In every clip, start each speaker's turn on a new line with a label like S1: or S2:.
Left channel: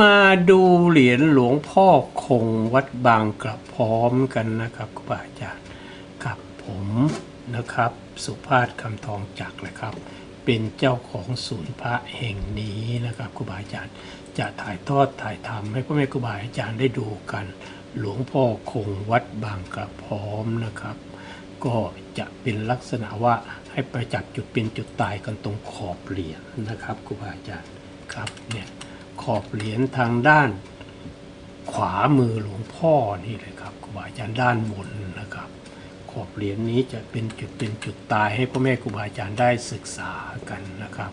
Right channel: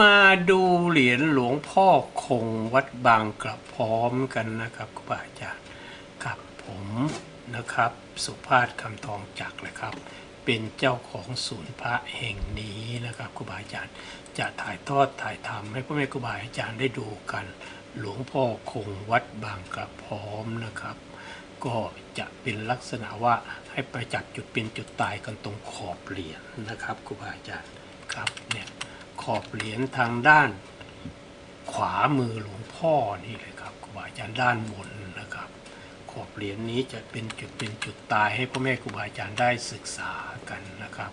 S1: มาดูเหรียญหลวงพ่อคงวัดบางกระพร้อมกันนะครับครูบาอาจารย์กับผมนะครับ สุภาพคำทองจักรนะครับ เป็นเจ้าของศูนย์พระแห่งนี้นะครับครูบาอาจารย์จะถ่ายทอดถ่ายทำให้พ่อแม่ครูบาอาจารย์ได้ดูกัน หลวงพ่อคงวัดบางกระพร้อมนะครับ ก็จะเป็นลักษณะว่าให้ไปจับจุดเป็นจุดตายกันตรงขอบเหรียญนะครับครูบาอาจารย์ครับเนี่ย ขอบเหรียญทางด้านขวามือหลวงพ่อนี่เลยครับครูบาอาจารย์ด้านบนนะครับ ขอบเหรียญนี้จะเป็นจุดเป็นจุดตายให้พ่อแม่ครูบาอาจารย์ได้ศึกษากันนะครับ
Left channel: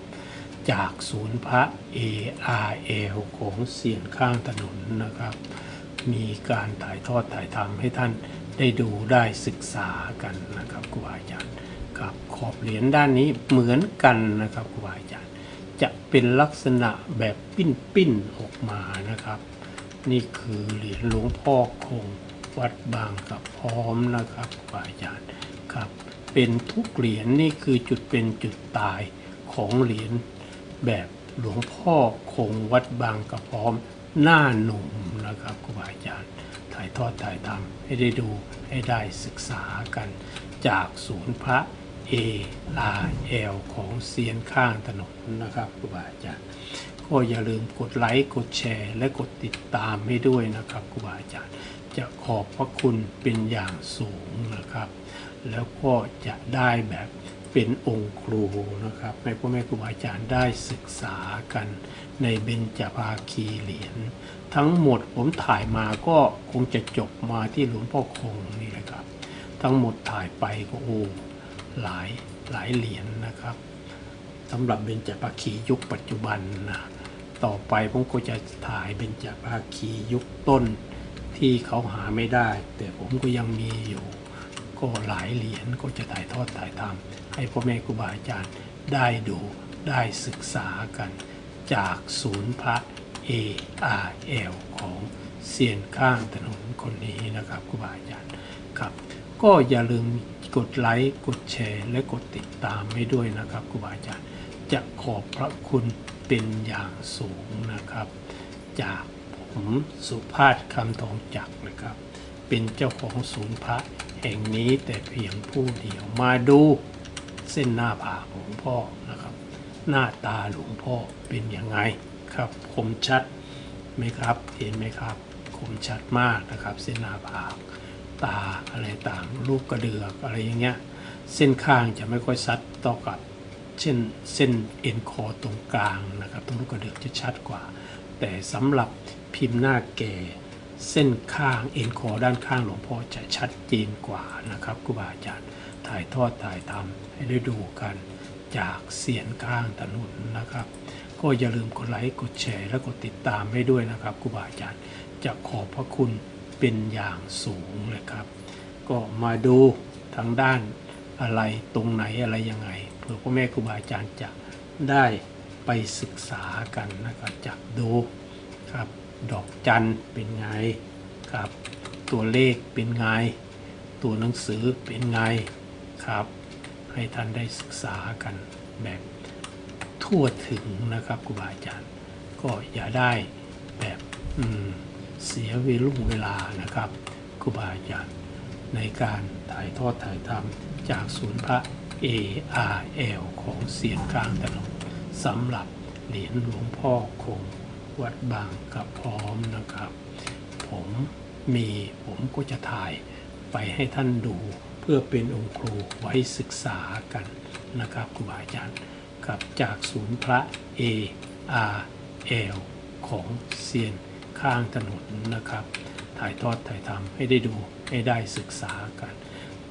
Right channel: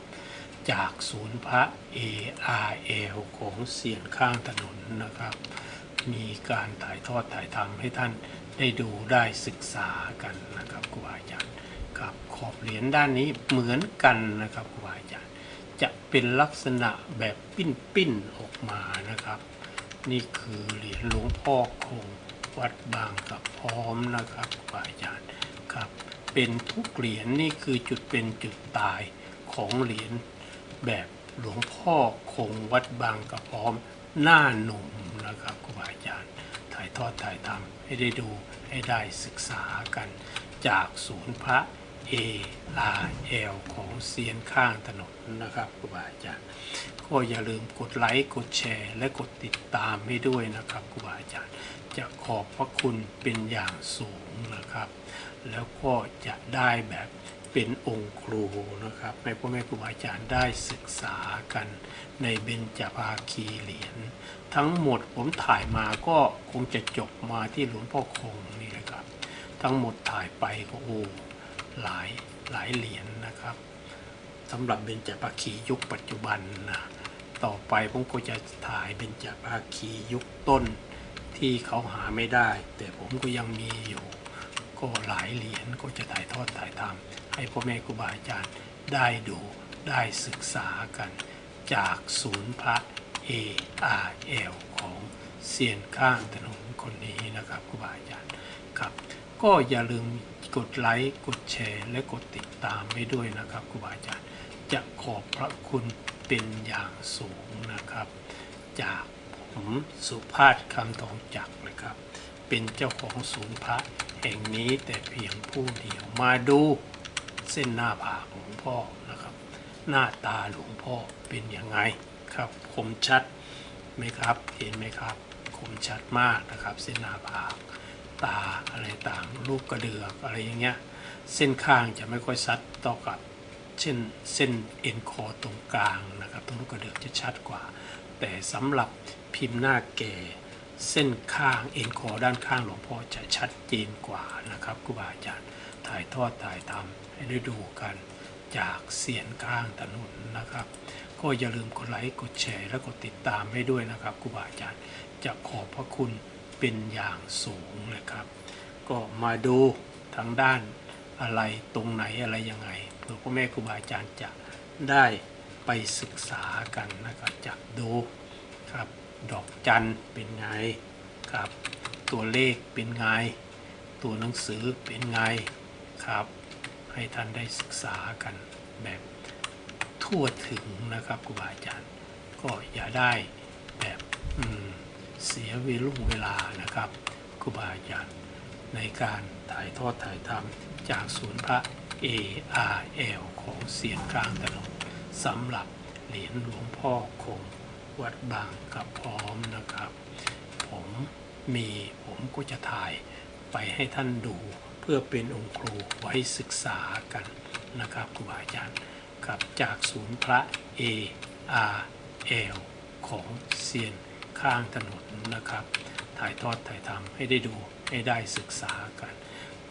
S1: จากศูนย์พระ ARL ของเสียนข้างถนนนะครับ มีการถ่ายทอดถ่ายทำให้ท่านได้ดูได้ศึกษากันนะครับครูบาอาจารย์ครับขอบเหรียญด้านนี้เหมือนกันนะครับครูบาอาจารย์ จะเป็นลักษณะแบบปิ้นปิ้นๆออกมานะครับ นี่คือเหรียญหลวงพ่อคงวัดบางกับพร้อมนะครับครูบาอาจารย์ครับ เป็นทุกเหรียญนี่คือจุดเป็นจุดตายของเหรียญแบบหลวงพ่อคงวัดบางกับพร้อมหน้าหนุ่มนะครับครูบาอาจารย์ถ่ายทอดถ่ายทำให้ได้ดูให้ได้ศึกษากันจากศูนย์พระ ARL ของเซียนข้างถนนนะครับครูบาอาจารย์ก็อย่าลืมกดไลค์กดแชร์ และกดติดตามให้ด้วยนะครับครูบาอาจารย์ จะขอบพระคุณเป็นอย่างสูงนะครับ แล้วก็จะได้แบบเป็นองค์ครูนะครับให้พ่อแม่ครูบาอาจารย์ได้ศึกษากันในเบญจภาคีเหรียญทั้งหมดผมถ่ายมาก็คงจะจบมาที่หลวงพ่อคงนี่แหละครับ ทั้งหมดถ่ายไปก็โอ้ หลายหลายเหรียญนะครับสำหรับเบญจภาคียุคปัจจุบันนะต่อไปผมก็จะถ่ายเบญจภาคียุคต้นที่เขาหาไม่ได้ แต่ผมก็ยังมีอยู่ ก็หลายเหรียญก็จะถ่ายทอดถ่ายทำให้พ่อแม่ครูบาอาจารย์ได้ดูได้ศึกษากัน จากศูนย์พระ ARL ของเซียนข้างถนนคนนี้นะครับครูบาอาจารย์ครับ ก็อย่าลืม กดไลค์ กดแชร์ และกดติดตามให้ด้วยนะครับครูบาอาจารย์จะขอบพระคุณเป็นอย่างสูงนะครับ จากผมสุภาพคำทองจักนะครับ เป็นเจ้าของศูนย์พระแห่งนี้แต่เพียงผู้เดียวมาดูเส้นหน้าผากหลวงพ่อนะครับ หน้าตาหลวงพ่อเป็นยังไงครับคมชัดไหมครับเห็นไหมครับคมชัดมากนะครับ เส้นหน้าผาก ตาอะไรต่างรูปกระเดือกอะไรอย่างเงี้ยเส้นข้างจะไม่ค่อยชัดต่อกับเช่นเส้นเอ็นคอตรงกลางนะครับตรงลูกกระเดือกจะชัดกว่า แต่สำหรับพิมพ์หน้าแก่เส้นข้างเอ็นคอด้านข้างหลวงพ่อจะชัดเจนกว่านะครับครูบาอาจารย์ถ่ายทอดถ่ายทำให้ได้ดูกันจากเสียนข้างถนนนะครับ ก็อย่าลืมกดไลค์กดแชร์และกดติดตามให้ด้วยนะครับครูบาอาจารย์จะขอบพระคุณ เป็นอย่างสูงเลยครับ ก็มาดูทางด้านอะไรตรงไหนอะไรยังไงเผื่อพ่อแม่ครูบาอาจารย์จะได้ไปศึกษากันนะครับจากดูครับดอกจันเป็นไงครับ ตัวเลขเป็นไง ตัวหนังสือเป็นไงครับ ให้ท่านได้ศึกษากันแบบทั่วถึงนะครับครูบาอาจารย์ ก็อย่าได้แบบอืม เสียเวลุ่งเวลานะครับครูบาอาจารย์ในการถ่ายทอดถ่ายทำจากศูนย์พระ ARL ของเสียนกลางถนนสำหรับเหรียญหลวงพ่อคงวัดบางกับพร้อมนะครับ ผมมีผมก็จะถ่ายไปให้ท่านดูเพื่อเป็นองค์ครูไว้ศึกษากันนะครับครูบาอาจารย์ครับจากศูนย์พระ ARL ของเซียน ข้างถนนนะครับ ถ่ายทอดถ่ายทำให้ได้ดูให้ได้ศึกษากัน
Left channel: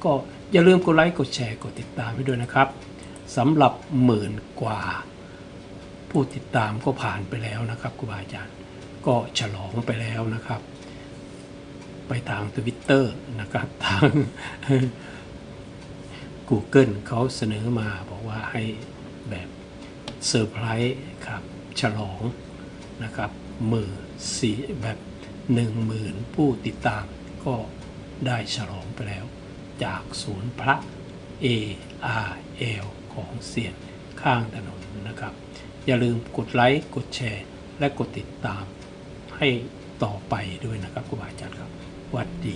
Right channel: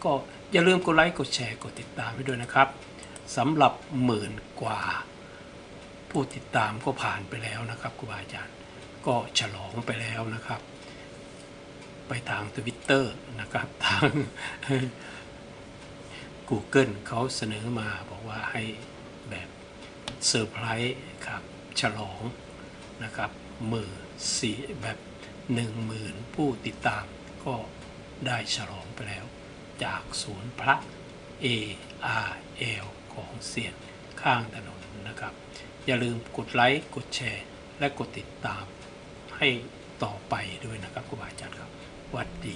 S1: ก็อย่าลืมกดไลค์กดแชร์กดติดตามให้ด้วยนะครับสำหรับหมื่นกว่า ผู้ติดตามก็ผ่านไปแล้วนะครับครูบาอาจารย์ก็ฉลองไปแล้วนะครับ ไปทางทวิตเตอร์นะครับทาง Google เขาเสนอมาบอกว่าให้แบบเซอร์ไพรส์ครับฉลองนะครับ หมื่นสี่แบบหนึ่งหมื่นผู้ติดตามก็ได้ฉลองไปแล้ว จากศูนย์พระ ARL ของเสียนข้างถนนนะครับ อย่าลืมกดไลค์กดแชร์ และกดติดตามให้ต่อไปด้วยนะครับครูบาอาจารย์ครับวัดดี